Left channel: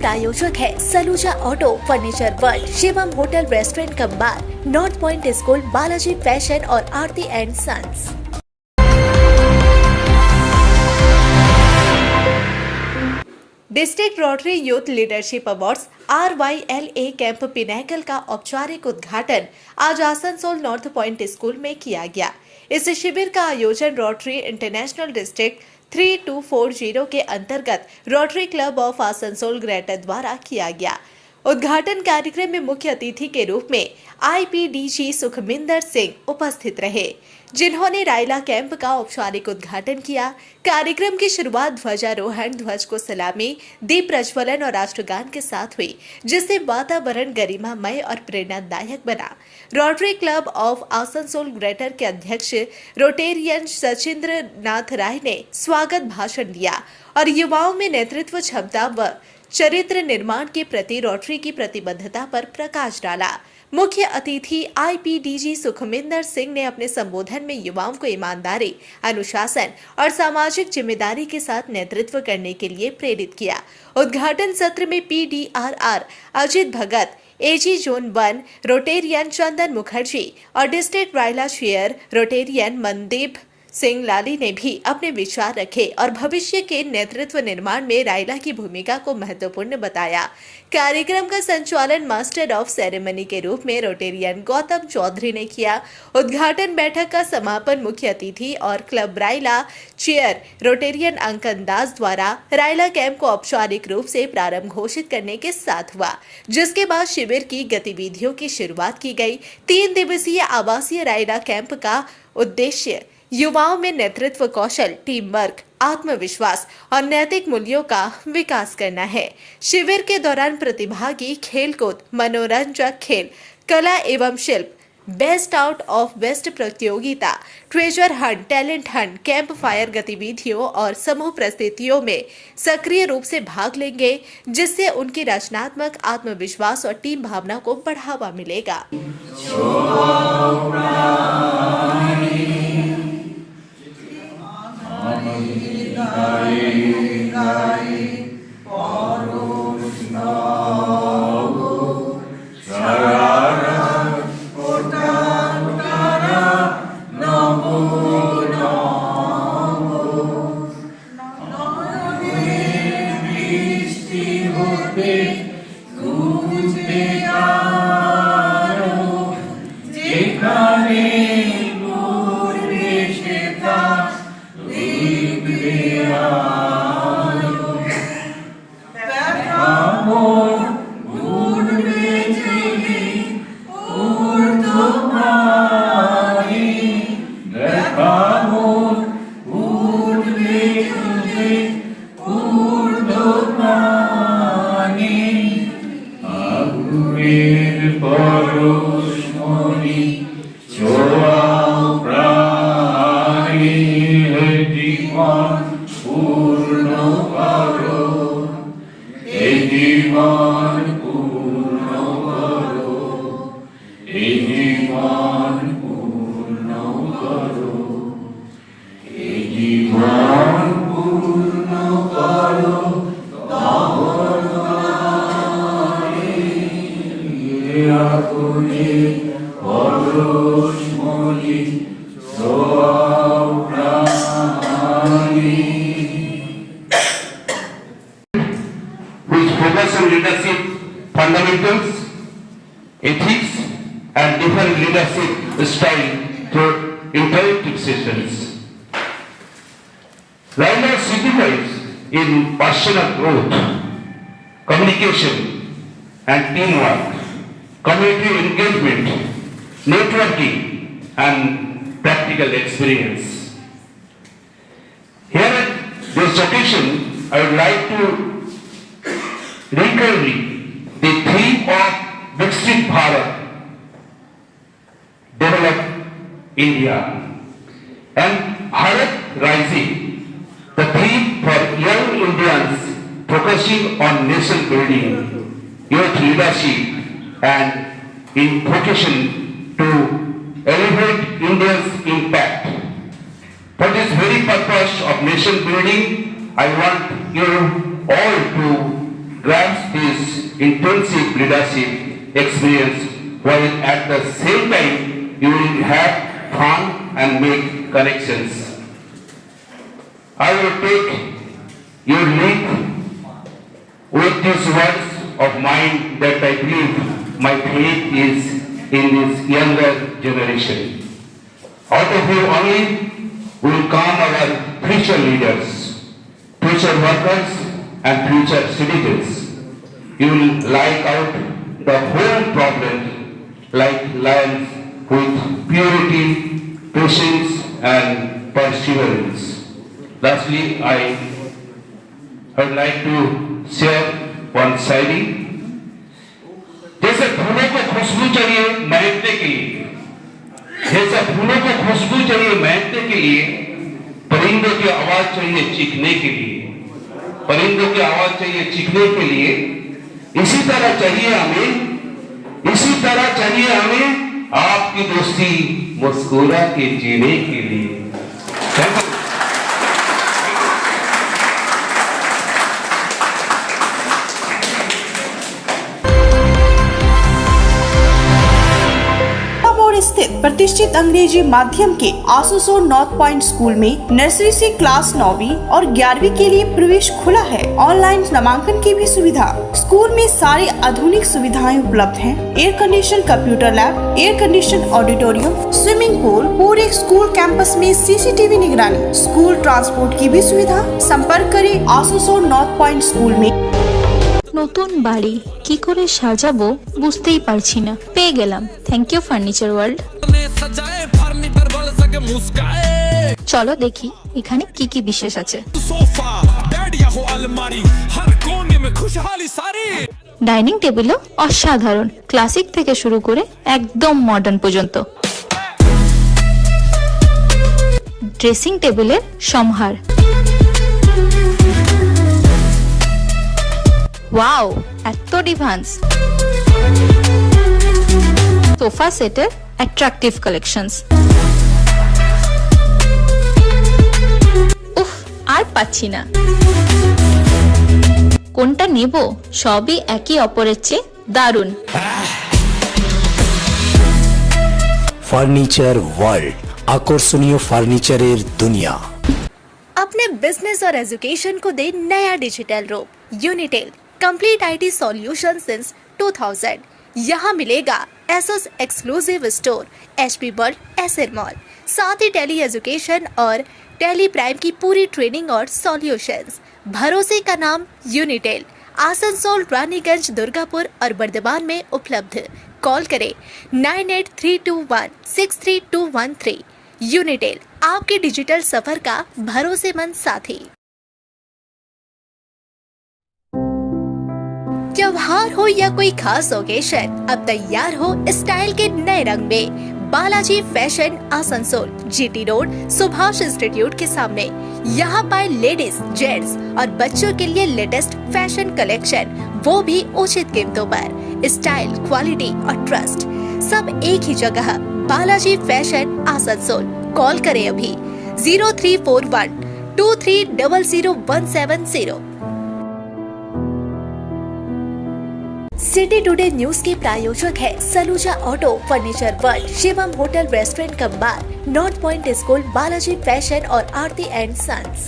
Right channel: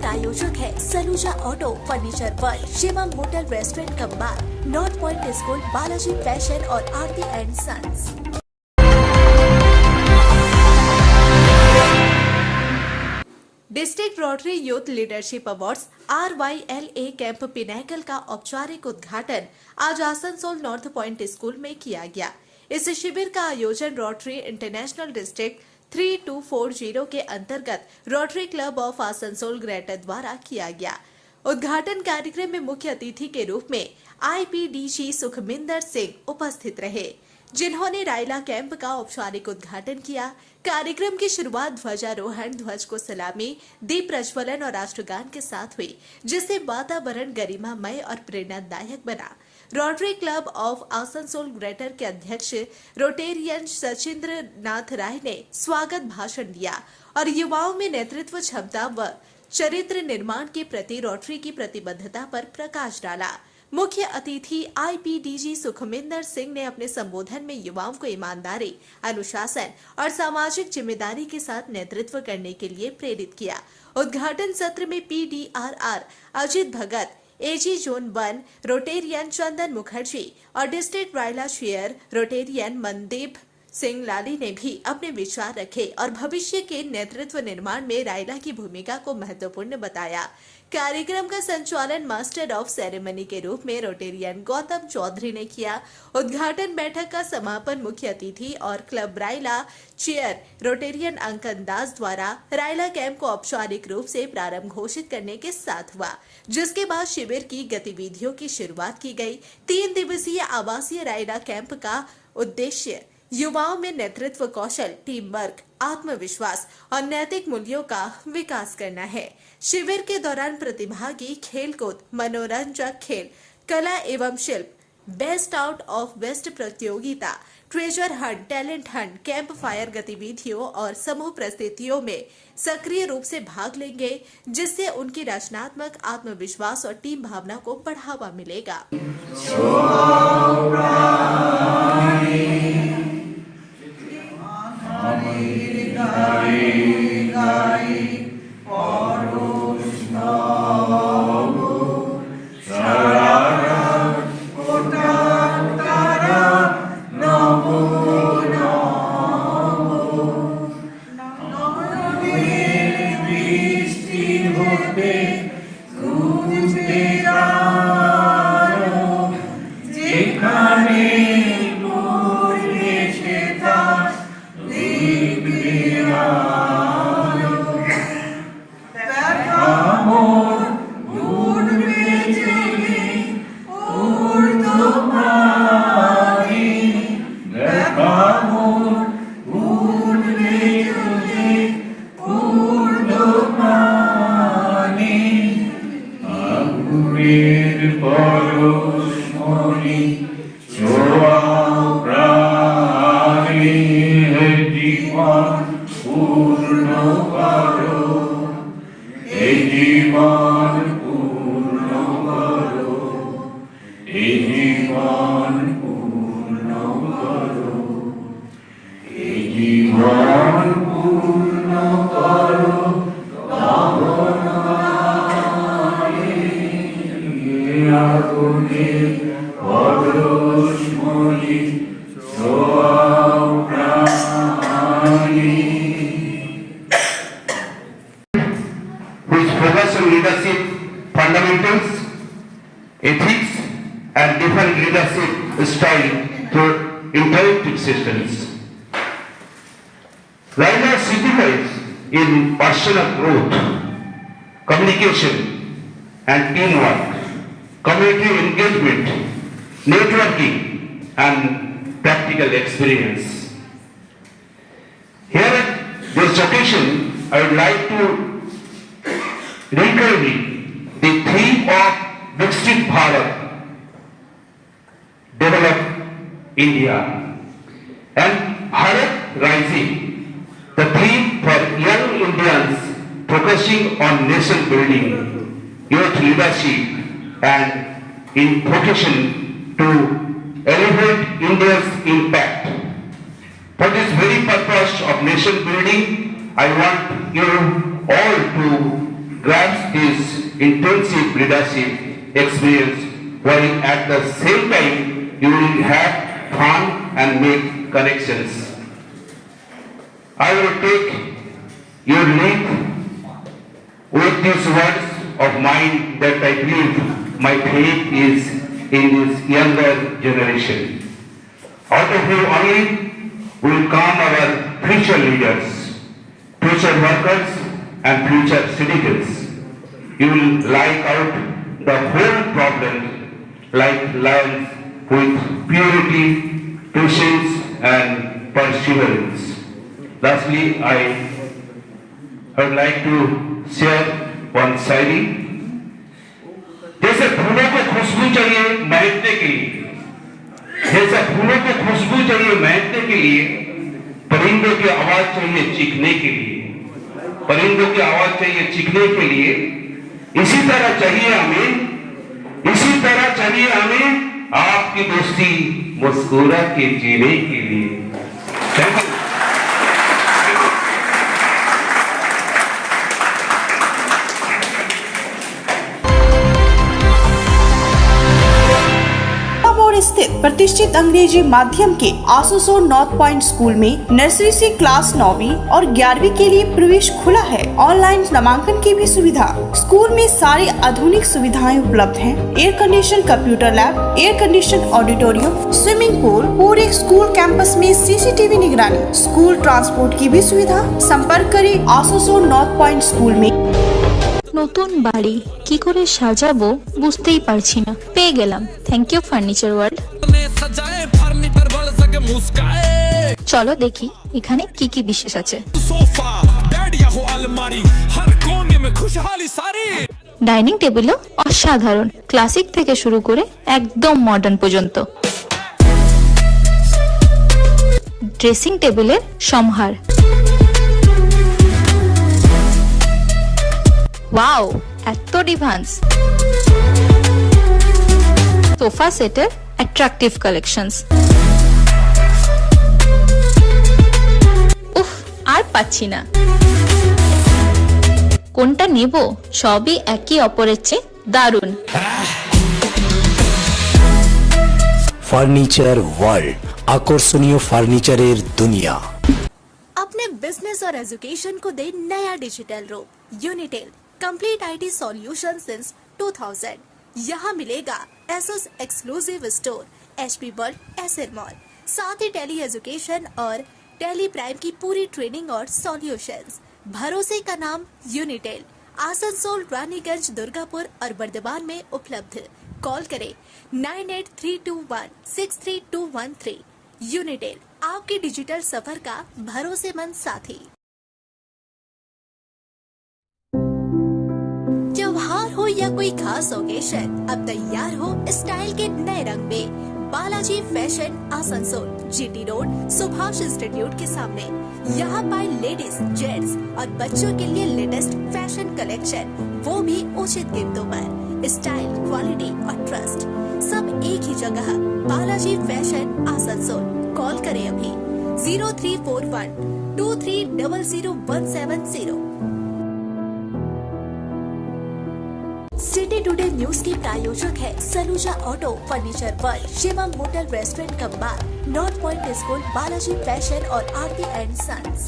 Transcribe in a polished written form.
प्रायोजक है Saluja auto, furniture world, Shivam hotel restaurant cum bar, north point school, Balaji fashion और Aarti and sons. District rotary youth leadership awards RYLA camp pinnacle का औपचारिक उद्घाटन आज आसनसोल नॉर्थ पॉइंट स्कूल में किया गया। इस शिविर का आयोजन रोटरी इंटरनेशनल डिस्ट्रिक्ट 3240 के अंतर्गत rotary club of Asansol greater द्वारा किया गया। उद्घाटन कार्यक्रम में मुख्य अतिथि के रूप में IPDG सुखमिंदर सिंह उपस्थित रहे, जिन्होंने रायला कैंप का औपचारिक उद्घाटन किया। कार्यक्रम की शुरुआत ध्वजारोहण, ध्वज को सलामी, दीप प्रज्वलन और राष्ट्रगान के साथ हुई, जिससे वातावरण गरिमामय और प्रेरणादायक बना। Rotary club of Asansol greater के अध्यक्ष रोटेरियन सचिंद्र नाथ राय ने स्वागत भाषण दिया और युवाओं में नेतृत्व क्षमता व चरित्र निर्माण के प्रति रोटरी की प्रतिबद्धता पर प्रकाश डाला। मुख्य अतिथि IPDG सुखमिंदर सिंह ने अपने संबोधन में युवाओं को ईमानदारी, अनुशासन और सामाजिक जिम्मेदारी के साथ नेतृत्व करने के लिए प्रेरित किया। उद्घाटन सत्र में PDRR Ajit Bhagat, AG zone 1 rotarian Chandan Mukherjee और district RYLA chair rotarian Mandeep Singh Lali ने भी अपने विचार रखे और भविष्य के नेतृत्व निर्माण में रायला की भूमिका को महत्वपूर्ण बताया। कार्यक्रम का संचालन मास्टर ऑफ सेरेमनी के रूप में रोटेरियन गौतम चौधरी ने किया। उद्घाटन बैठक का समापन मुख्य अतिथि और क्लब रायला चेयर रोटेरियन अंकन दास द्वारा रायला कैंप को औपचारिक रूप से प्रारंभ घोषित करने के साथ हुआ, जिसके बाद शिविर की गतिविधियों की शुरुआत की गई। 3 दिवसीय आवासीय रायला कैंप का उद्देश्य युवाओं में नेतृत्व कौशल, टीम वर्क, आत्मविश्वास और नैतिक मूल्यों का विकास करना है। शिविर के दौरान प्रतिभागी खेलकूद, मनोरंजक खेल, कला एवं शिल्प, बेस्ट आउट ऑफ वेस्ट प्रतियोगिता, treasure Hunt, talent Hunt, camp fire गतिविधियों और समूह प्रस्तुतियों में सक्रिय रूप से भाग लेंगे, जिससे उनकी रचनात्मक आत्मविश्वास और टीम भावना को बढ़ावा मिलेगा। which focus on leadership fundamentals, ethics, and different leadership style through interactive sessions. Raila signifies in personal growth, communication and teamwork, community engagement, networking, and practical experience. Here at this occasion, I would like to recurring the theme of Viksit Bharat, Develop India, and Bharat Rising, the theme for young Indians focusing on nation building, youth leadership, and in vocation to elevate India's impact. For this very purpose of nation building, I want you all to grasp his intensive leadership experience, while at the same time you will have fun and make connections. I will take your lead with these words of mine that I believe my faith is in this younger generation. Out of you only will come our future leaders, future workers and future citizens. You will like out the whole problem like lions with purity, patience and perseverance. Lastly, I would like to share one शायरी। जैसे फूलों को खुशबू चाहिए महकने के लिए, जैसे फूलों को खुशबू चाहिए महकने के लिए, परिंदों की आवाज चाहिए चीखने के लिए, परिंदों की आवाज चाहिए चीखने के लिए, इसी तरह चाहिए हमें आपकी दोस्ती मुस्कुरा के जीने के लिए। Thank you. स्थित प्रतिष्ठित अंग्रेजी माध्यम के आसनसोल नॉर्थ पॉइंट स्कूल में नर्सरी से क्लास 9वीं और 11वीं के लिए प्रवेश खुला है। ऑनलाइन नामांकन की भी सुविधा। स्कूल में सारी आधुनिक सुविधाएं उपलब्ध हैं। Air condition computer lab, air condition auditorium, swimming pool, पूरे स्कूल कैंपस में सीसीटीवी निगरानी, स्कूल ट्रांसपोर्ट की भी सुविधा। संपर्क करें आसनसोल नॉर्थ पॉइंट स्कूल में। নতুন বাড়ি কি করে সাজাবো বুঝতেই পারছি না, পেয়ে গেলাম থ্যাংক ইউ ফার্নিচার ওয়ার্ল্ড। চলো দেখি এখানে কি কি বিশেষ আছে। ডাইনিং টেবিলও অসাধারণ, ক্লাসিক থেকে শুরু করে একদম মডার্ন পর্যন্ত। ড্রেসিং টেবিলের সম্ভার, ওয়াও এত ডিভান্স। সোফা সেটের অ্যাট্রাকটিভ কালেকশনস। উফ, আর পাচ্ছি না, কোনটা নেব? সবই একই অপরের চেয়ে দারুণ। ফার্নিচার ওয়ার্ল্ড, আকর্ষণীয় ফার্নিচারের দুনিয়া। अपने बिजनेस और एजुकेशन को दे नया डिजिटल रूप। यूनिटेल कंप्लीट आईटी सॉल्यूशन सिंस 2000। यहाँ मिलेगा Asus exclusive store, HP world, Acer mall, साथ ही टेली एजुकेशन और टेली प्राइम की पूरी ट्रेनिंग और सॉल्यूशंस। भरोसे का नाम यूनिटेल, आसनसोल, रानीगंज, दुर्गापुर और बर्दवान में उपलब्ध। कॉल करें 9832163213। यूनिटेल, आपके डिजिटल सफर का भरोसेमंद साथी। त्योहार हो या कोई खास ओकेशन, अब तैयार हो स्टाइल के नए रंग में। Balaji fashion Asansol, GT road, Subhash institute के सामने। यहाँ पाए लेडीज, जेंट्स और बच्चों के लिए लेटेस्ट फैशन कलेक्शन, वो भी उचित कीमतों पर। स्टाइल, क्वालिटी और ट्रस्ट सब एक ही जगह। बालाजी फैशन आसनसोल। कॉल करें अभी 034123000170। सिटी टुडे न्यूज के प्रायोजक है Saluja auto, furniture world, Shivam hotel, restaurant cum bar, north point school, Balaji fashion और आरती एंड सन्स।